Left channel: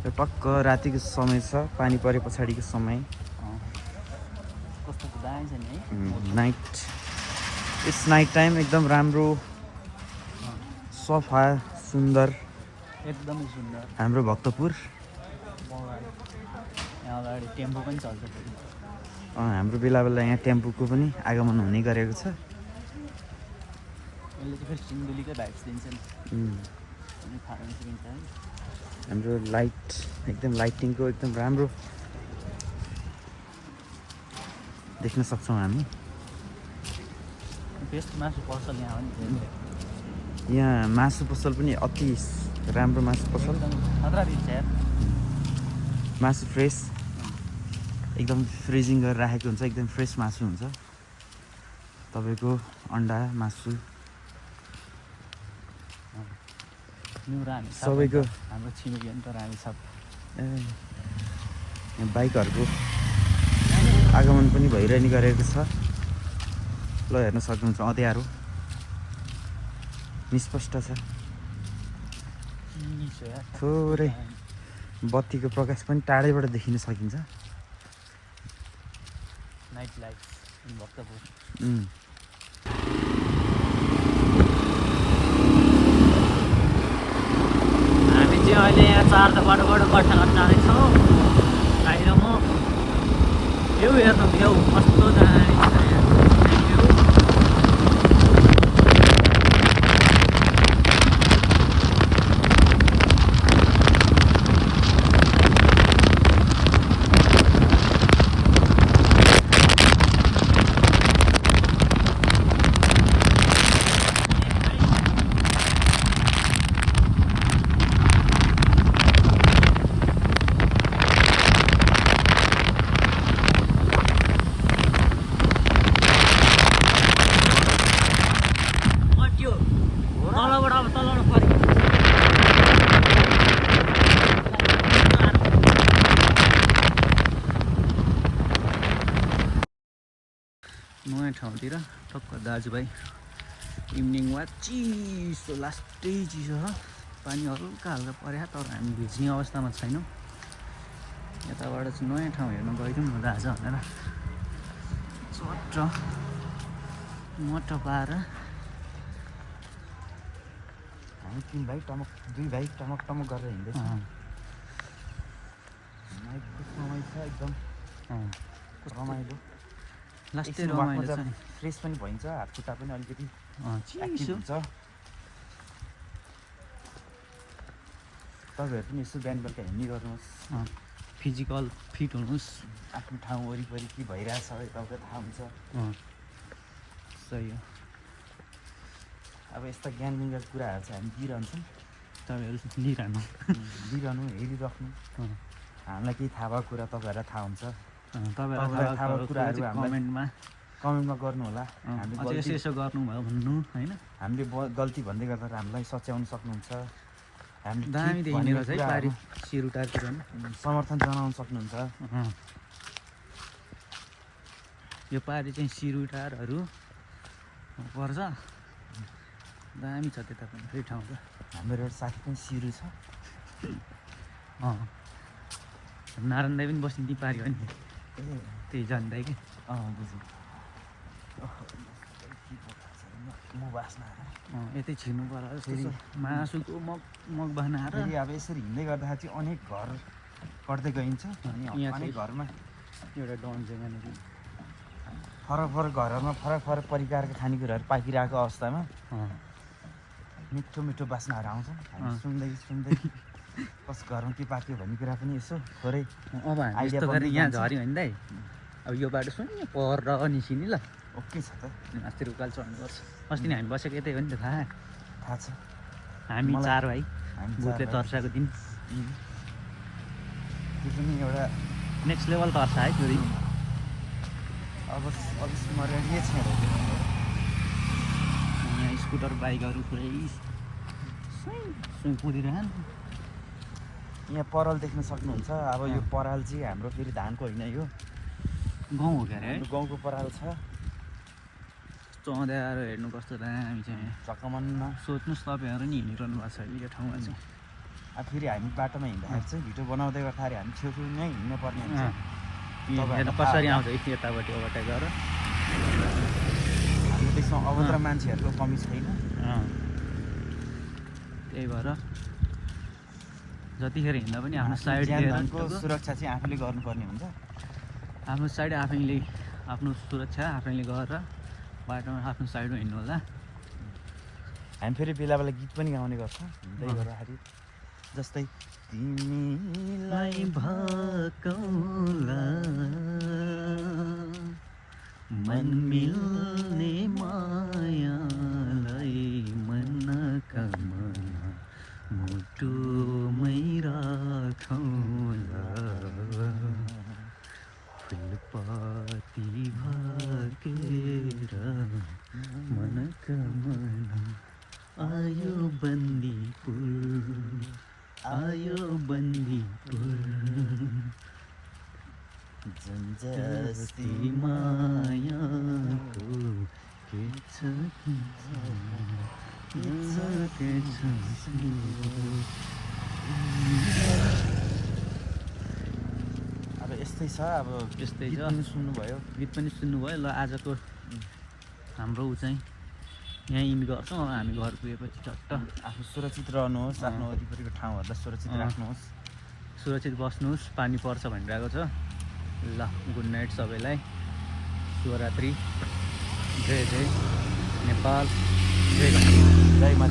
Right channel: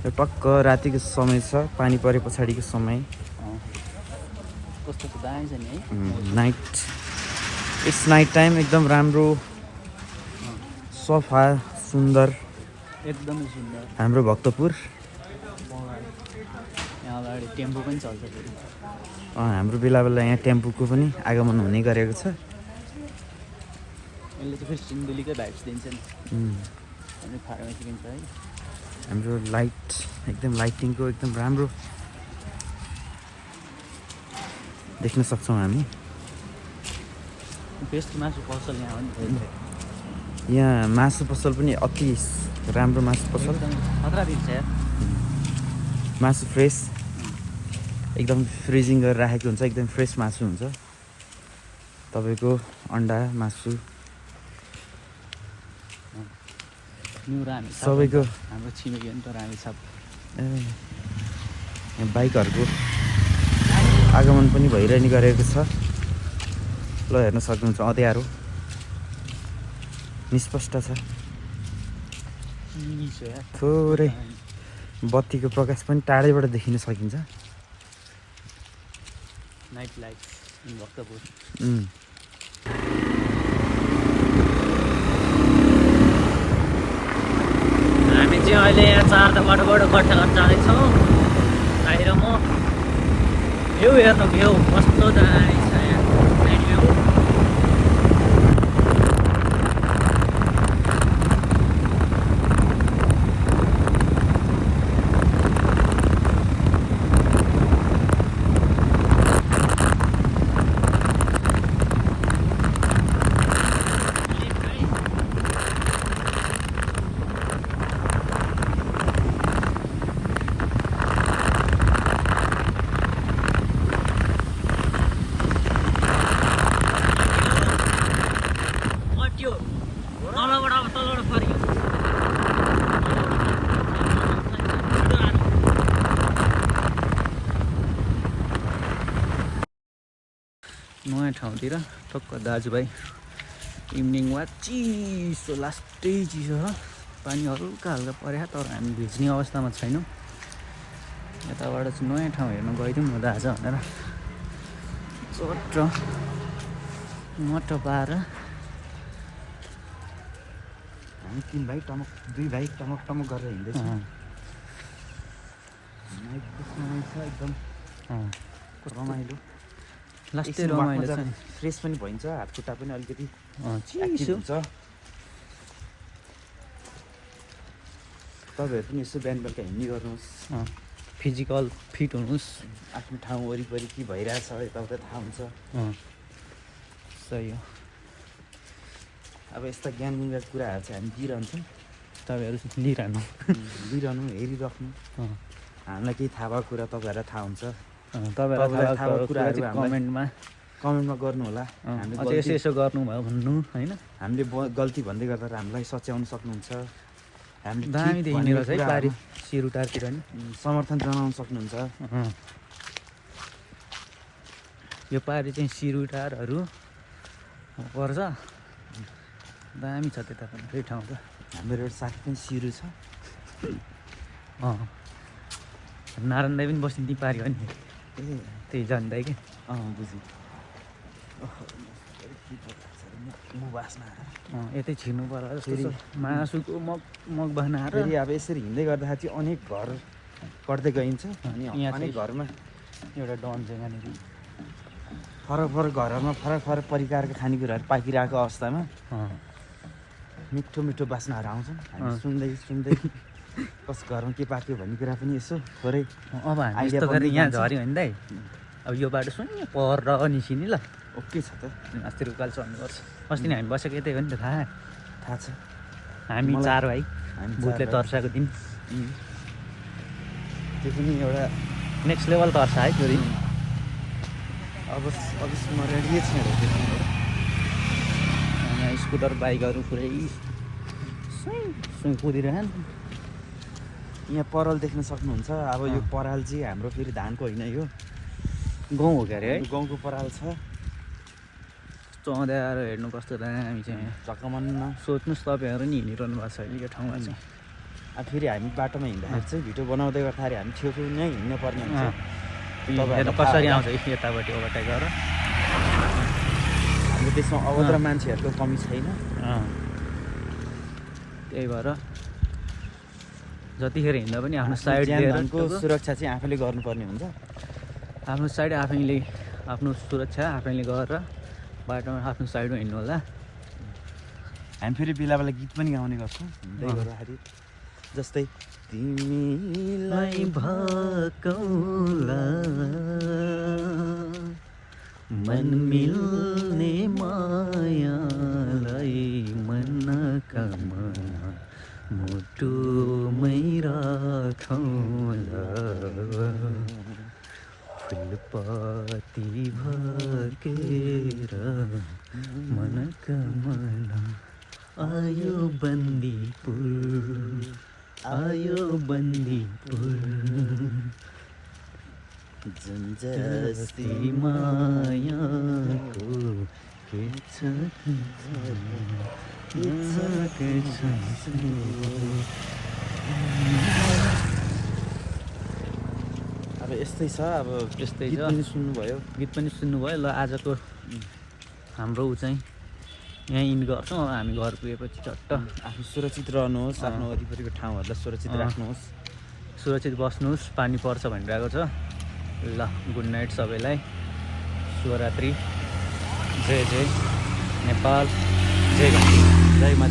यो टक्क रातिको समय छ, पानी परे पछाडिको समय। कस्तो दामी छ नि है। Night, it's night time. एकदम राम्रो, सफा, सुन्दर, एकदमै सुन्दर। हाम्रो भक्तपुर। यहाँ अगाडि टेम्पो पनि चल्छ फेरि। हाम्रो बेला बेला यहाँ टेम्पोको पनि आगमन हुने गरेको छ। यसले चाहिँ फेरि सिन्धुलीकै भाइब्स दिन्छ नि। फार्मेसी दिन्छ है। हाम्रो लाइट एकदम लाइटिङको एकदम राम्रो देख्न सक्छौँ हामी। बेस्ट मासु पसल यहाँ हो नि। यहाँ मासु पसल पनि अति राम्रो मासु पसल। खतरा दिन्छ यार। मासु फ्रेस, एकदम फ्रिजिङ गरेर राखेको हुन्छ। एकदम फ्रेस मासु हुन्छ तपाईँको। अन्डा, मासु सबैको। हाम्रो छिमेकी हो नि त रानी छाप। यहाँ बाइकहरूको आगमन पनि भइरहने गरेको छ। ल हेर्न सक्नुहुन्छ, अँध्यारो निष्पष्ट छ। थोरै बत्तीको प्रकाश पनि टाढैबाट देखिन सकिन्छ। Night life in Bhaktapur. हामी चाहिँ अहिले यहाँ 4 बाटोबाट गट्टाघाट जाँदैछौँ। भाइ र म। भ्यू हेर्नु, भ्यू कस्तो दामी छ यहाँ। भ्यू नयाँ ठाउँतिर टक्क दाजुभाइ इभिनिङ वाक। चिसो, लास्टै चिसो छ। पानी हल्का हल्का पर्या, तर हामी भिज्ने अवस्थामा छैनौँ। यताबाट चाहिँ नयाँ ठाउँ हेर्नु गइदिउँ न दाजु भनेर चट्ट मट्ट पाएर हामी 3 भाइ टमक, 2 भाइ टमक टमक गरेर हिँड्दैछौँ। एकदम रमाइलो, लास्टै रमाइलो छ। फ्रेस पनि भइन्छ, हात खुट्टा पनि अलिकति चिसो हुन्छ। तपाईँहरू पनि यसो बिहान बेलुका हिँड्ने गर्नुहोस्, फिजिकल फिट हुनुहोस्। आफ्नो ठाउँ वरिपरि के भइरहेछ यताउता थाहा हुन्छ। सही हो। अब यस्ता ज्ञानका कुराहरू चाहिँ हामी दिइरहन्छौँ। तपाईँहरू लिइरहनु, हेरिराख्नु। हामीलाई केही थाहा भएको कुरा तपाईँहरूलाई थाहा हुन्छ। तपाईँहरूलाई थाहा भएको कुराहरू कमेन्टमा गर्नु होला। हामीले यसो गर्नुभयो भन्नु होइन। हामीले गल्ती भन्दै गर्दा हामीलाई सच्याउन सक्नुहुन्छ। हामीले दामी देखिने रहेछ है पारी सिरुटारतिर नि। समर्थन जनाउन सक्नुहुन्छ। यो पारी चाहिँ सिरुटारहरू पर्छ। दामी छ त्यता पनि फेरि ठाउँ त। हाम्रो एउटा साथी पनि सिरु छ। नारायण दाई पनि बस्ने पारी हो नि। त्यही जान्दै कि बुझ्नु। यतै छिर्नु पर्ला जस्तो मासुको मग बनाएर। फेरि अब यसरी हिँड्दै गर्दाखेरि चाहिँ अनेक घर कट्दै गइन्छ। अनि अनेक घरमा एउटा डन चाहिँ यहाँनिर फरक फरक घरमा फरक फरक परिकारको खानेकुराहरू पाकिरहेको अवस्थामा मिठो मिठो बास्नाहरू आउँछन्। हामी सुन्दै कस घरमा के पाक्यो भन्ने कुरा पनि यसो थोरै अब हामी यस्तो गरेर यहाँ झऱ्यो भने दाइ, अब यो बाटो सुन पर निस्किने ल। ओके छ त। अस्ति रुकाल चढ्नुपर्छ। अस्ति नै हामी बसेको यतै हो नि त। थाहा छ। हामी 4 भाइ भूतले तर्साएको दिन। त्यो पनि एउटा नेक्स्ट लेभल तर्सा है त्यो दिन। अब स्मरणीय छ। यहाँ स्कुटर बाइकहरू पुरै कुदिरहन्। यहाँ पराल देख्न सक्नुहुन्छ। अब यो पराल चाहिँ हाम्रो फेरि धानको होइन, यो गाउँ हो क्या अरे है। गाउँको पराल छ। चौँध्याएर हेर्नु कस्तो दामी चाहिँ झक्कमनमा। सोध्नुहोस् तपाईँहरू नि हिँडिरहनु भएको छ यो ठाउँमा चाहिँ। फेरि हामी बाटोमा हिँड्दाखेरि चाहिँ भिडियो बनाउँदै गर्दाखेरि हामी छेउछेउ नै हिँड्नु पर्ने हुन्छ हेर कसरी आउँछ यतापट्टि ओभरटेक गरेर हाम्रो देशमा अभद्र मान्छेहरूको कमी छैन त्यही भएर जतिखेर हिँड्दा पनि आफ्नो साइड लिएर सुरक्षा चाहिँ आफैले गर्नुपर्ने हुन्छ आफ्नो साइड आफैले आफ्नो सुरक्षा आफैले गरेर बाटोमा आफ्नो साइडमा हिँड्नु होला हामी फेरि बेला बेला गीत पनि गाउने गर्छौँ हिँड्दै गर्दाखेरि जस्तै तिमीलाई भकौला मन मिल्ने मायालाई मनका मना मुटुमै राखौला फुलपाती भकेर मनका मना आयो बन्दीपुर आयो बन्दीपुर जुन जस्ती मायाको के छ अब यस्तै छ अब यस्तै गीत छ पनि सुन्नुभयो गीत पनि सुन्नुभयो ल आजको हाम्रो ऊ चाहिँ यहीँ इन गर्छौँ हामी घर पुगेपछि चट्ट आफू सुरक्षित रहनुहोस् आफ्नो वरिपरिको ठाउँहरूलाई सुरक्षित राख्नुहोस् सुरक्षित बस्नुहोस् पानी पर्छ भनिरहेको छ ल गुड नाइट सबैलाई शुभरात्रि जय जय नेपाल जय जय माता